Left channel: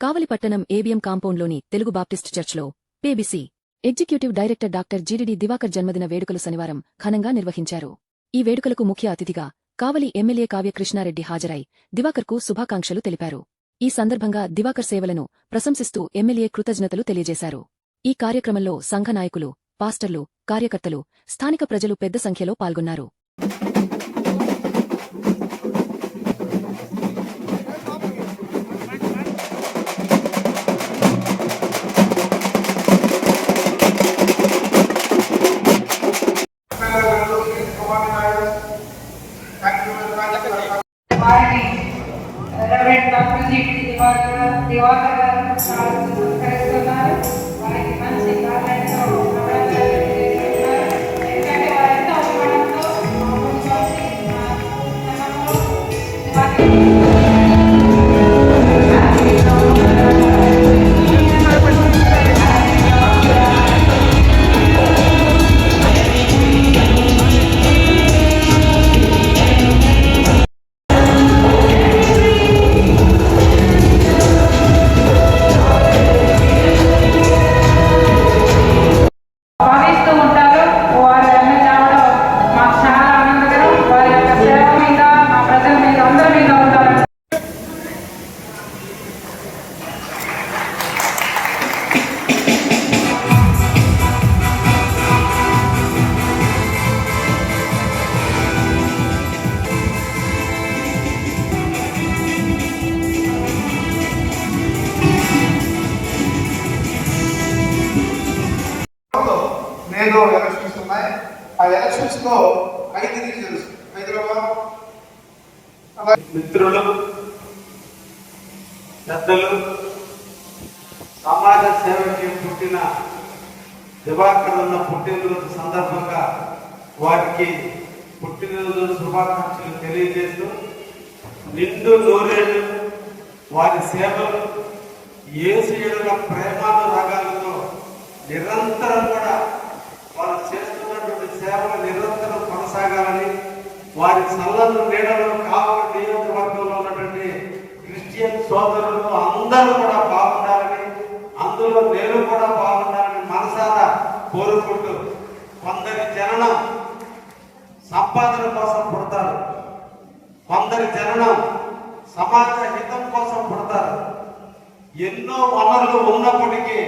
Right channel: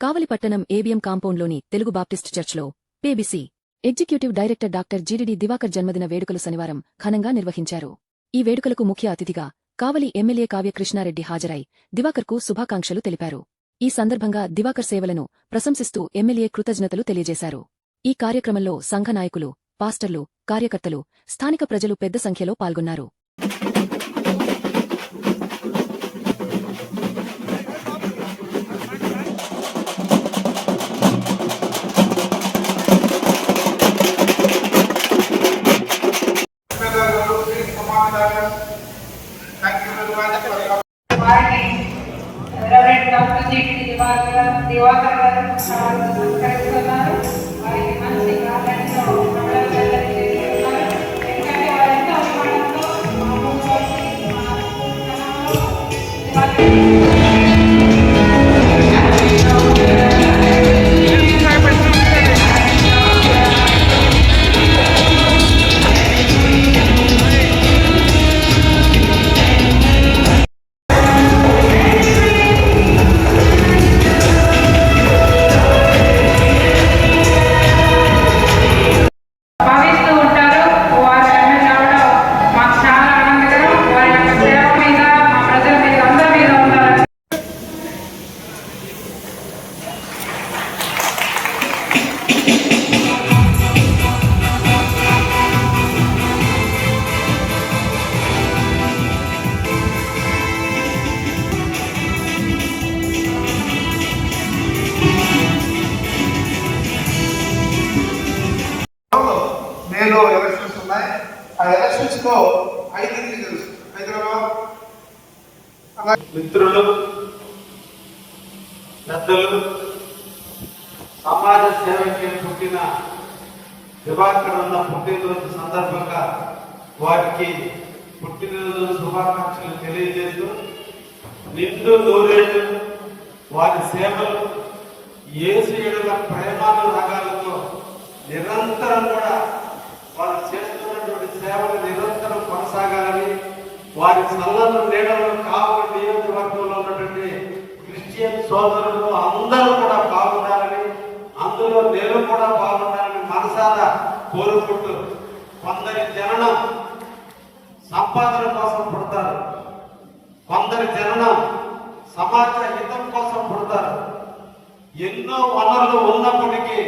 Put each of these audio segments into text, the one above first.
కావలిపట్టణం ABM కాంపౌండ్లోని Telugu Baptist చర్చ్లో PBC executive director doctor GDD Divakar జన్మదిన వేడుకలు శనివారం ఘనంగా నిర్వహించారు. ఈ వేడుకలకు ముఖ్య అతిథిగా కావలి ఎమ్మెల్యే కావ్య కృష్ణారెడ్డి హాజరై దివాకర్కు శుభాకాంక్షలు తెలిపారు. ఈ సందర్భంగా దివాకర్ సేవలను ప్రశంసిస్తూ ఎమ్మెల్యే కృతజ్ఞతలు తెలియజేశారు. ఈ కార్యక్రమంలో సంఘ నాయకులు పాస్టర్లు కార్యకర్తలు స్థానిక ప్రజలు పెద్ద సంఖ్యలో పాల్గొన్నారు. దివాకర్ తెలుసుకో. లో తెలుసు. హైదరాబాద్. మిత్రులు పెద్దలు సమాజ సేవకి పుట్టిన దివాకర్ ఉన్న పుట్టినరోజు సందర్భంగా వారికి పుట్టినరోజు శుభాకాంక్షలు తెలియజేస్తూ నిండు నూరేళ్ళు వారి సేవలు ఏసు ప్రేమాల రకాలతో నిరంతరం కూడా వారు చేస్తున్నటువంటి సేవలు నిరంతరం కొనసాగాలని వారి సల్లలు నీడలు కావాలి నియోజకవర్గంలో ఉన్నటువంటి క్రిస్టియన్ సోదరులు అందరూ కూడా బాగుండాలని అందులో నేను కూడా బాగుండాలని మనసారా కోరుకుంటూ కొందరి జననం సంపాదన కోసం పుడతారు. కొందరి జననం సమాజ హితం కోసం పుడతారు. ఎన్నో వనరులు ఉన్నప్పటికీ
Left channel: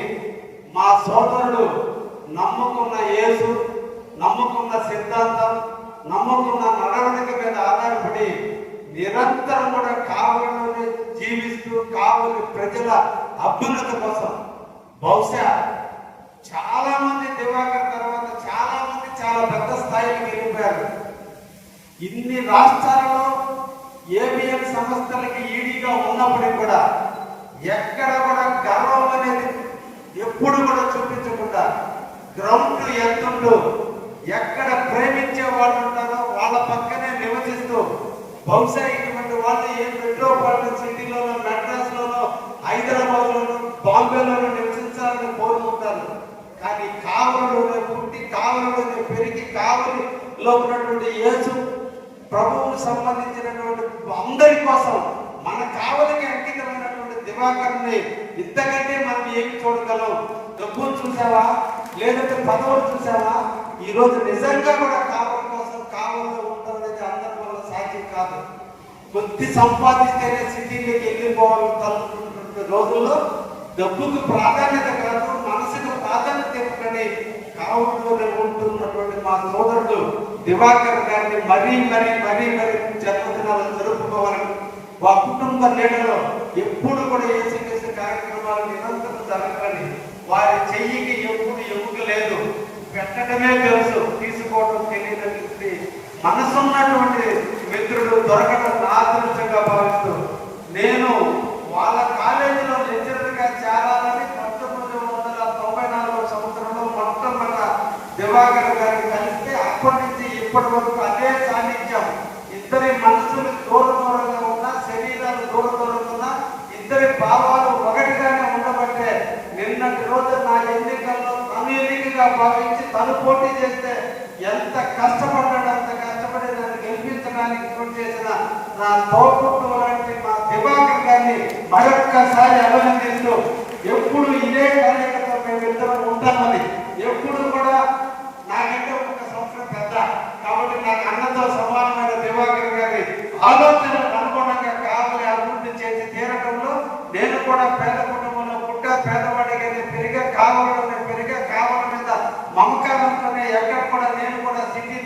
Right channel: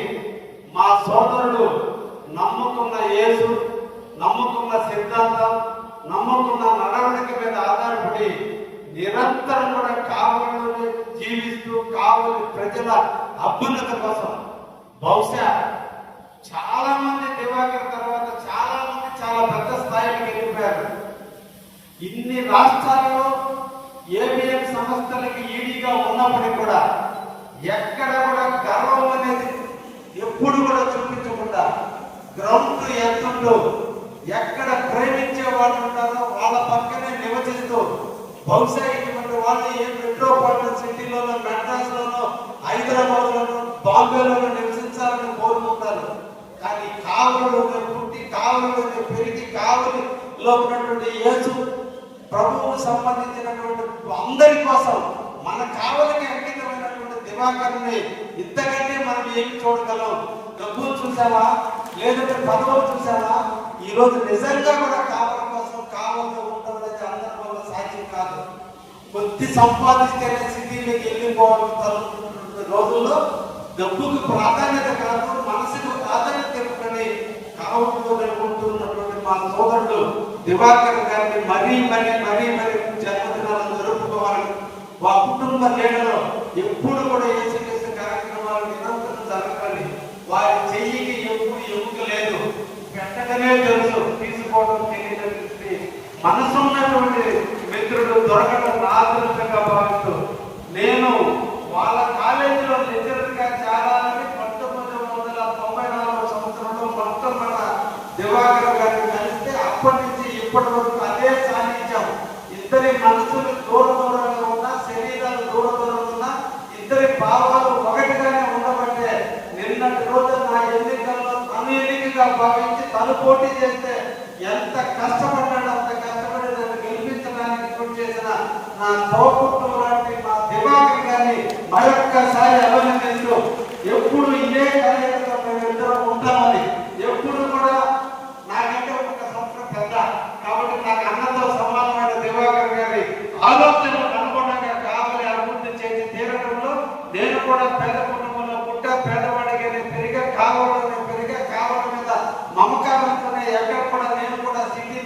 మా సోదరుడు నమ్ముకున్న యేసు సిద్ధాంతం నమ్ముకున్న నడవడిక మీద ఆధారపడి నిరంతరం కూడా కావలిని జీవిస్తూ కావలి ప్రజల అభ్యున్నత కోసం బహుశా చాలా మంది దివాకర్ తర్వాత చాలా మంది చాలా పెద్ద స్థాయికి వెళ్ళిపోయారు. ఇన్ని రాష్ట్రాలలో ఏబిఎం సంస్థలకి ఈడీగా ఉన్నప్పటికీ కూడా ఎక్కడ కూడా గర్వం అనేది ఎప్పుడు కూడా చూపించకుండా గ్రౌండ్ ఎత్తుంటూ ఎక్కడ ప్రేమించే వాళ్ళు ఉంటారో వాళ్ళ పక్కనే నివసిస్తూ బహుశా ఇటువంటి వాళ్ళు ఏ మెట్రోపాలిటన్ సిటీలోనో మెడ్రాస్లోనో లోనో హైదరాబాద్ లోనో నివసించాలని కోరుకుంటారు. కానీ కావలిలోనే పుట్టి కావలిలోనే పెరిగి కావలిలో ఉన్నటువంటి యేసు ప్రభువుకు సంబంధించినటువంటి అందరి కోసం మన కావలికి అంకితమైనటువంటి దివాకర్ని ఇంతకంటే మనం ఏమి చూడగలం? డబ్బులు చూసారా లేదంటే పదవులు చూసారా ఈరోజు నిజంగా మన కాలం కోసం కాలంలో ఉంటుందని అందరి సాధ్యం కాదు. కొద్ది సంపాదిస్తేనే సిటీలోకి వెళ్ళిపోవడం తలుపుతున్నటువంటి రోజుల్లో డబ్బుకు ప్రాధాన్యత కాదు మనసుకు ప్రాధాన్యత ఇవ్వకని కావలిలోనే ఉంటున్నటువంటి మా సోదరుడు దివాకర్ గారిని మరీ మరీ మరీ మరీ జన్మదినాలు జరుపుకోవాలి. మా కుటుంబ లీడర్లు ఎప్పుడు కూడా ఏసీ కార్యక్రమాలు నిరంతరం జరగాలి వారి చెయ్యికి ఎప్పుడు ఎముక లేదు. పెట్టడమే తెలుసు తీసుకోవడం తెలియదు మనసు ఉన్నటువంటి మిత్రుడు దొరకడం ఆదృష్టంగా భావిస్తూ నేను వాళ్ళ కాలేజీలో లెక్చరర్గా చేరాలని పంతొమ్మిది వందల తొంభై నాలుగో సంవత్సరంలో మొట్టమొదట దివాకర్ గారిని కలిస్తే అప్పటి నుంచి ఇప్పటి వరకు అదే సాన్నిధ్యం. ఇద్దరి మనసులు తను పోటీ చేస్తే ఎంత కష్టపడ్డాడు అంత కష్టపడి నన్ను గెలిపించడానికి పోటీ చేసిన నా తోపుట్టు లాంటి మా దిమాగం కానీ మరొక్కసారి అభినందిస్తూ ఎప్పుడు ఇదే కార్యక్రమం మేము మేమిద్దరం ఉంటామని ఎప్పుడు కూడా నా దగ్గర ఒక సంస్థ పెద్ద. కాబట్టి నాకు అన్నతో సమానమైన దివాకర్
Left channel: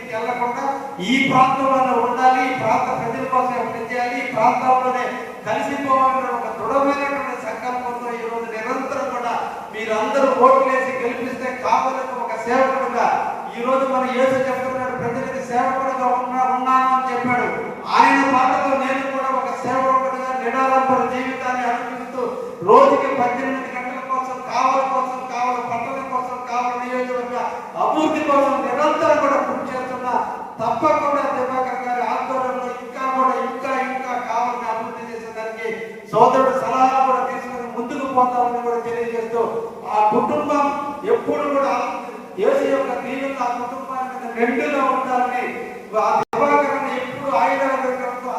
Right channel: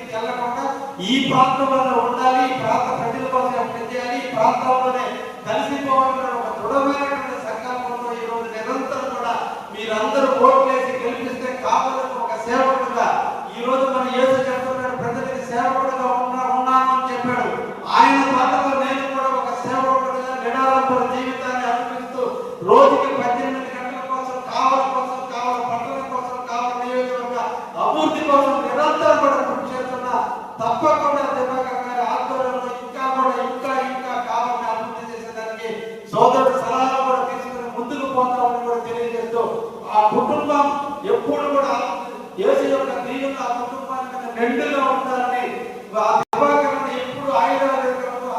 కూడా వెళ్ళకుండా ఈ ప్రాంతంలో ఉండాలి ఈ ప్రాంత ప్రజల కోసం పనిచేయాలి ఈ ప్రాంతంలోనే కలిసిపోవాలన్న ఒక దృఢమైనటువంటి సంకల్పంతో ఈరోజు నిరంతరం కూడా మీరందరూ ఓట్లేసి గెలిపిస్తే కావాలని ఒక సేవకుడుగా ఈ రోజు మన యేసు చెప్తున్నాడు ప్రజలకి సేవకుడుగా ఉన్నా ఉన్నాను అని చెప్పాడు. ఆయన మాటతో నేను కూడా ఒక సేవకుడుగా నిడాలంపర జీవితాన్ని అనిపిస్తూ రోజుకి పద్దెనిమిది గంటల కోసం కావాల కోసం కావాల పట్టణం కోసం కావాల నియోజకవర్గ అభివృద్ధి కోసం నిరంతరం కూడా కృషి చేస్తున్నా తప్పకుండా దివాకర్ గారి ఆధ్వర్యంలో ఇంకా కూడా ఇంకా ఇంకా కావాలని అభివృద్ధి చేసేదానికి సోదరుడు సలహా కూడా తీసుకుని ముందుకు పోతామని కూడా తెలియజేస్తూ ఆ కుటుంబం ఎప్పుడు కూడా యేసు యొక్క దీవెన ఆ కుటుంబానికి మీద మెండుగా ఉండాలని ఆ దివాకర్ని ఎప్పుడు ఆయుధాలు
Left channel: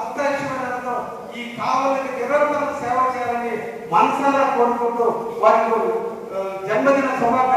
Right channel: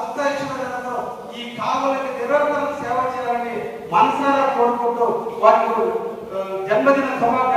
అత్యాశ్చర్యంలో ఈ కావలికి నిరంతరం సేవ చేయాలని మనసారా కోరుకుంటూ వారికి జన్మదిన శుభాకాంక్షలు